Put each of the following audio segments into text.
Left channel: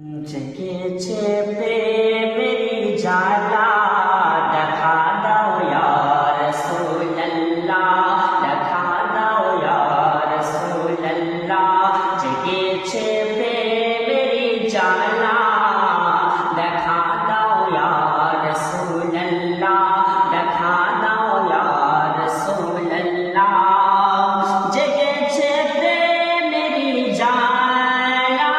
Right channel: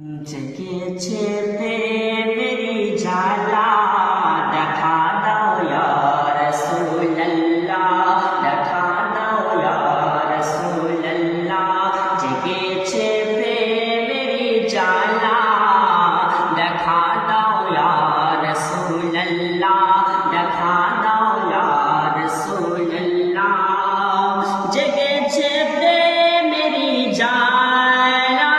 জেগেছে প্রেমেরি জ্বালা, দেখা দাও ইয়া রাসূলুল্লাহ, দেখা দাও ইয়া রাসূলুল্লাহ। জেগেছে প্রেমেরি জ্বালা, দেখা দাও ইয়া রাসূলুল্লাহ, দেখা দাও ইয়া রাসূলুল্লাহ। জেগেছে প্রেমেরি জ্বালা,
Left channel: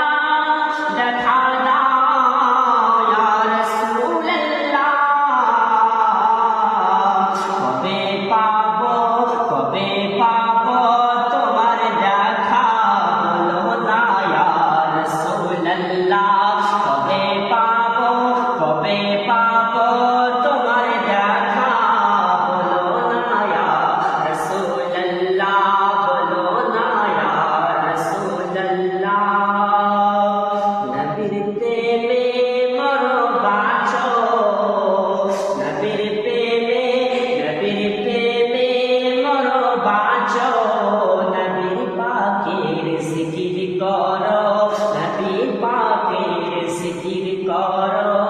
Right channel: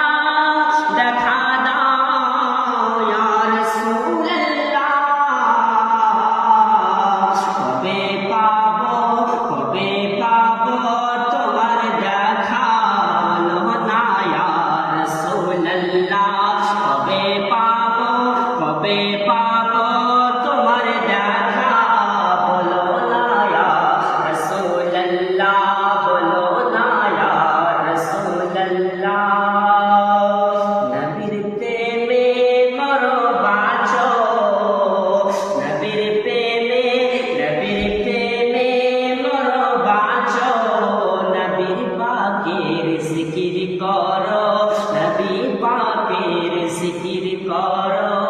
জিকির করো, নবী পাকের জিকির করো।